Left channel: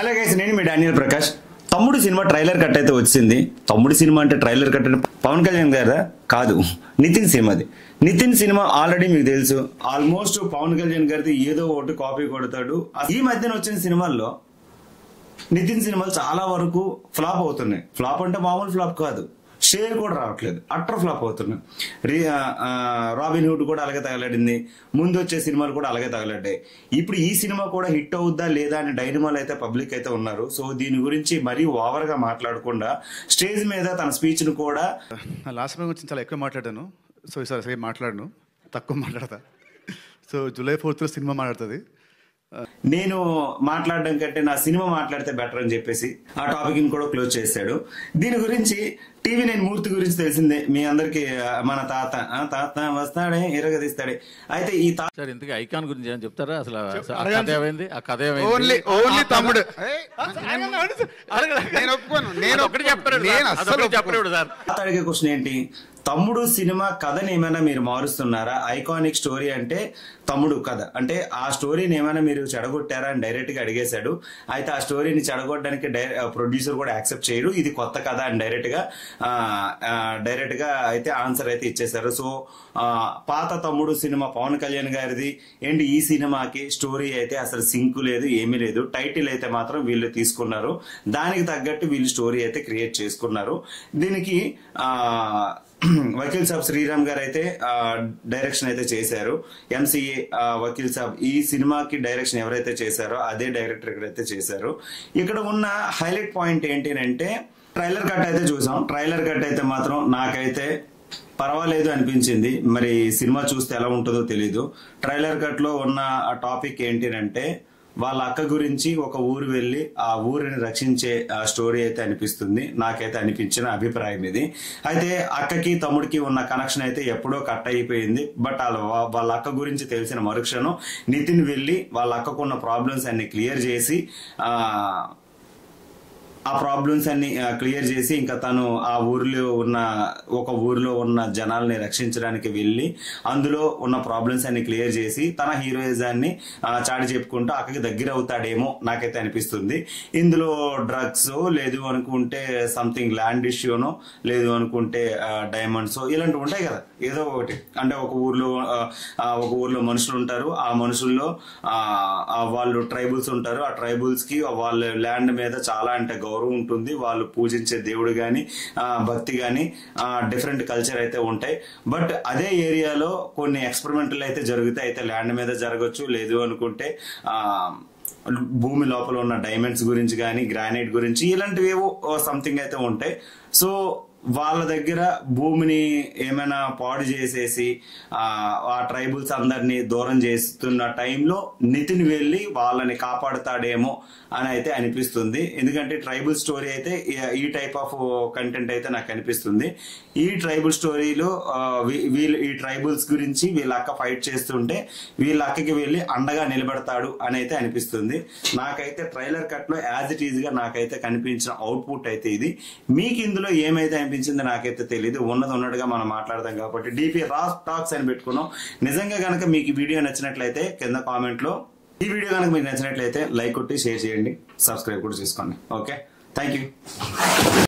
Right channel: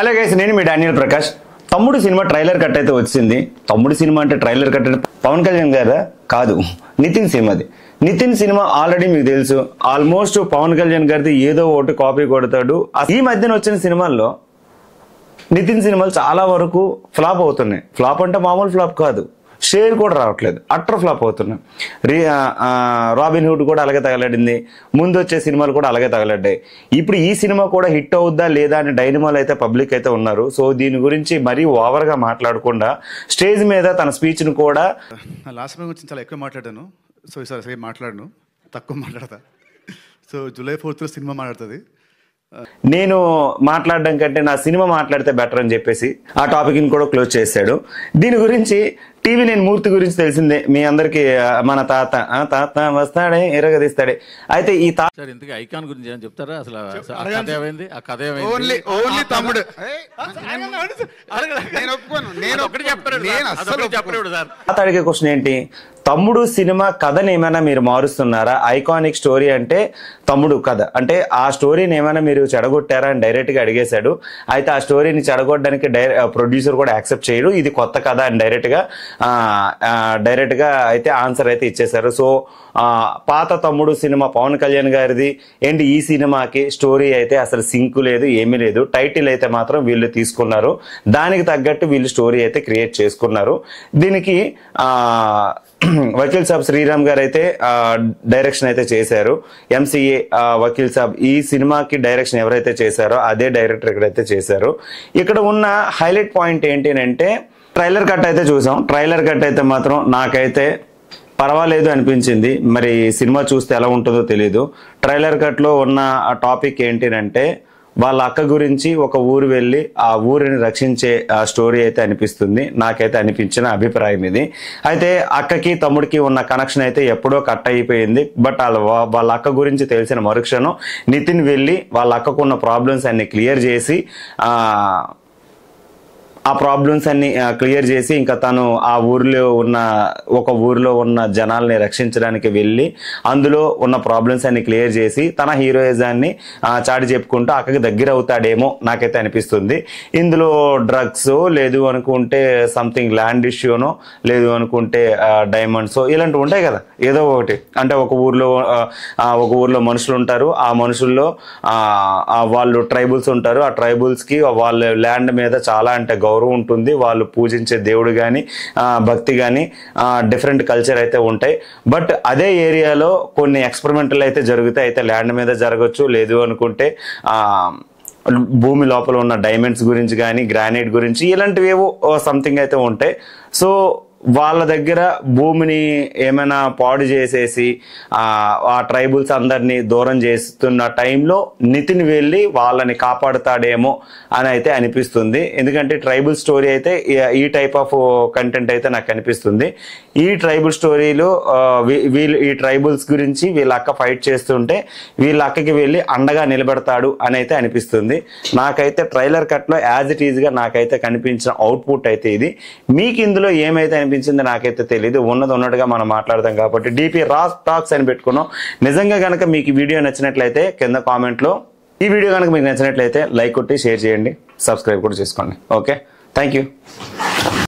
Hello guys, నేను మీ Daniel Prakash. తమ్ముడు cinema trailer cut అయితే వచ్చింది. తమ్ముడు సినిమా అంటే ట్రైలర్ కట్ అంటే పవన్ కళ్యాణ్ గారా? కాదు, నితిన్ సినిమాది. నితిన్ సినిమా ఆల్రెడీ మీకు తెలుసు. ఆల్మోస్ట్ పవన్ కళ్యాణ్ గారిది ఏదో ఒకటి కాపీ కొడతాడు. ఈ మధ్యన వచ్చిన సినిమాల్లో నితిన్ సినిమాలు చాలా వరకు ఫ్లాప్ అవుతున్నాయి. ఫ్లాప్ అంటే మామూలు ఫ్లాప్ కాదు, షేర్ కూడా రావట్లేదు, అట్టర్ ఫ్లాప్ అవుతున్నాయి. రాబిన్ హుడ్ కూడా అలాగే తగలడింది, ముందు వచ్చే సినిమాలు కూడా అలాగే తగలడ్డాయి. ఇప్పుడు ఈ సినిమా కూడా హిట్ అవుద్దా లేదా అని డైనమాలు అయితే పబ్లిక్ అయితే ఉన్నారు. సో దీని గురించి మరీ ఓవర్గా మాట్లాడకుండా స్టేజ్ మీద తన స్పీచ్ను కూడా లాస్ట్ టైం గురించి చాలా ఎక్కువ మాట్లాడాను. సో ఈసారి సరే మాట్లాడను, తక్కువ మాట్లాడతా. సో జూలై 4th సినిమా మాట్లాడుతుంది. నేను మాట్లాడడం కంటే నా సినిమా మాట్లాడితే బెటర్ అని చెప్పేసి ఆ టాపిక్ ని కూడా క్లోజ్ చేశాడు. దీని గురించి టీవీ నేను మూర్తి గురించి తెలిసిందే మీ అందరికి. మన తాత వస్తాడే ఎరగదీస్తాడే. అయితే ఈ ఇంతకీ ఐకాన్ గురించి ఏం చెప్తారా? అసలు అడిగే క్వశ్చన్ ఏంటి, తమ్ముడు సినిమా కథని ఏమైనా మీరు మారుస్తున్నారా? ఐకానిక్ స్టోరీ అంటే తమ్ముడు కథ అంటే ఆ స్టోరీని ఏమైనా మీరు చెడగొట్టారా అని డైరెక్ట్ గా అడిగేశాడు. అయితే ఆ స్టోరీని చెడగొట్టడానికి ప్రొడ్యూసర్ కూడా యాక్సెప్ట్ చేయడు. ఇది కొత్త కథ అని డైరెక్ట్ గా అయితే ఆన్సర్ అయితే ఇచ్చేశారు. సో పాత తమ్ముడు సినిమా పవన్ కళ్యాణ్ గారిది అండ్ ఈ సినిమాకి స్టోరీ అయితే అసలు సింక్ లేదు, ఏమీ లేదు. టైటిల్ అయితే మాత్రం వీళ్ళు తీసుకున్నారు, దానికి తగ్గట్టు వీళ్ళు స్టోరీ అయితే క్రియేట్ చేసుకున్నారు. దీనికి వకీల్ సాబ్ శ్రీరామ్ గారు అయితే డైరెక్షన్ అయితే చేశారు. ఎంసీఏ వకీల్ సాబ్ ఈ సినిమాకి డైరెక్షన్ ఎవరైతే చేశారో అదే డైరెక్టర్ ఇక్కడైతే చేశారు. ఇక్కడ ఉన్న హైలైట్ పాయింట్ ఏంటి అంటే ట్రైలర్ కట్ అయితే చూసాం. ట్రైలర్ కట్ అయితే మాత్రం నాకైతే పర్వాలేదు అనిపించింది. మరి సినిమా చూస్తే ఎలా ఉంటుందో తెలీదు. ట్రైలర్ కట్ లో ఉన్న టాపిక్ ఏంటి అంటే వాళ్ళ అక్క గురించి ఒక ఊరు వెళ్ళి ఆ ఊరిని రక్షించే స్టోరీ అయితే అనిపిస్తుంది. నాకైతే అనిపించిన అభిప్రాయం ఇది. అయితే అక్కకి తమ్ముడికి ఉన్న కనెక్షన్ అయితే ఎప్పుడో కట్ అయిపోయింది. బట్ వాళ్ళ అక్క గురించి తెలిసిన మరుక్షణం నితిన్ వెళ్ళి వాళ్ళ అక్కకు ఉన్న ప్రాబ్లమ్స్ అన్ని క్లియర్ చేసి ఇంకా తను ఆ ఒక ఊరిలో ఉన్న జనాల్ని రక్షించడానికి వెళ్ళి అందులో ఉన్న ప్రాబ్లమ్స్ అన్ని క్లియర్ చేసి తన హీరోయిజాన్ని చాటి చెప్పుకుంటూ అక్కడికి దగ్గర అవుతాడేమో నాకైతే అనిపిస్తుంది. ఇందులో డ్రగ్స్ లేదు అనుకుంటే సంథింగ్ ల్యాండ్ ఇష్యూనో లేదు అనుకుంటే డైమండ్స్ ఇలాంటివి ఉంటాయి కదా, ఏదో ఒకటి. అంటే ఒక ఊర్లో మనుషులు ఉంటారు, ఆ మనుషుల్లో వాళ్ళు ట్రైబుల్స్ ఉంటారు. ఆ ట్రైబుల్స్ కి వాళ్ళ ల్యాండ్ మీద చాలా అంటే గౌరవం ఉంటుంది. వాళ్ళు పూజించే దేవుడు గాని భక్తి గాని డిఫరెంట్ కల్చర్ అయితే ఉంటాయి. బట్ అదే ఏరియాలో కొన్ని ఎక్స్పెరిమెంటల్ అయితే జరుగుతాయి. అయితే ల్యాండ్ మీద జరగచ్చు, లేదు అనుకుంటే భూమి లోపల ఉన్న డైమండ్స్ గురించి కానీ గ్రానైట్ గురించి ఇలాంటివేవో సంథింగ్ అయితే ఉంటాయి. సో వాళ్ళ దగ్గర భూమిని ఏమైనా పాడు చేసేసి ఆ ట్రైబుల్స్ అందరినీ దూరం చేస్తున్న టైంలో నితిన్ వెళ్ళి వాళ్ళని కాపాడుతాడేమో అని అయితే అనిపిస్తుంది. ఎందుకంటే ట్రైబుల్ స్టోరీ అయితే ఈ టైప్ ఆఫ్ కంటెంట్ అయితే నాకు అనిపిస్తుంది. ఈ ట్రైబుల్ స్టోరీలో ఈ ట్రైబుల్స్ గురించి వీళ్ళ అక్క ఫైట్ చేస్తుంటే వీళ్ళ అక్కకి వెళ్ళి అండగా నిలబెడతాడు అని అయితే అనిపిస్తుంది. నాకైతే ట్రైలర్ కట్ లో యాజ్ ఇట్ ఈజ్ గా నాకైతే కనిపించిన అవుట్పుట్ అయితే ఇది. మీకు ఇందులో ఏమైతే అనిపించింది నాకైతే తెలియదు. ఉన్నది ఉన్నట్టుగా మనం మాట్లాడదాం కాబట్టి DP రాస్ టాక్స్ అని పెట్టుకున్నాం. నిజంగా కనుక మీకు వీడియో నచ్చినట్లయితే కింద కామెంట్ లో ఈ వీడియో కనుక మీకు నచ్చినట్లయితే లైక్ కొట్టి షేర్ చేయండి, సబ్స్క్రైబ్ కూడా చేసుకోండి. Okay, thank you.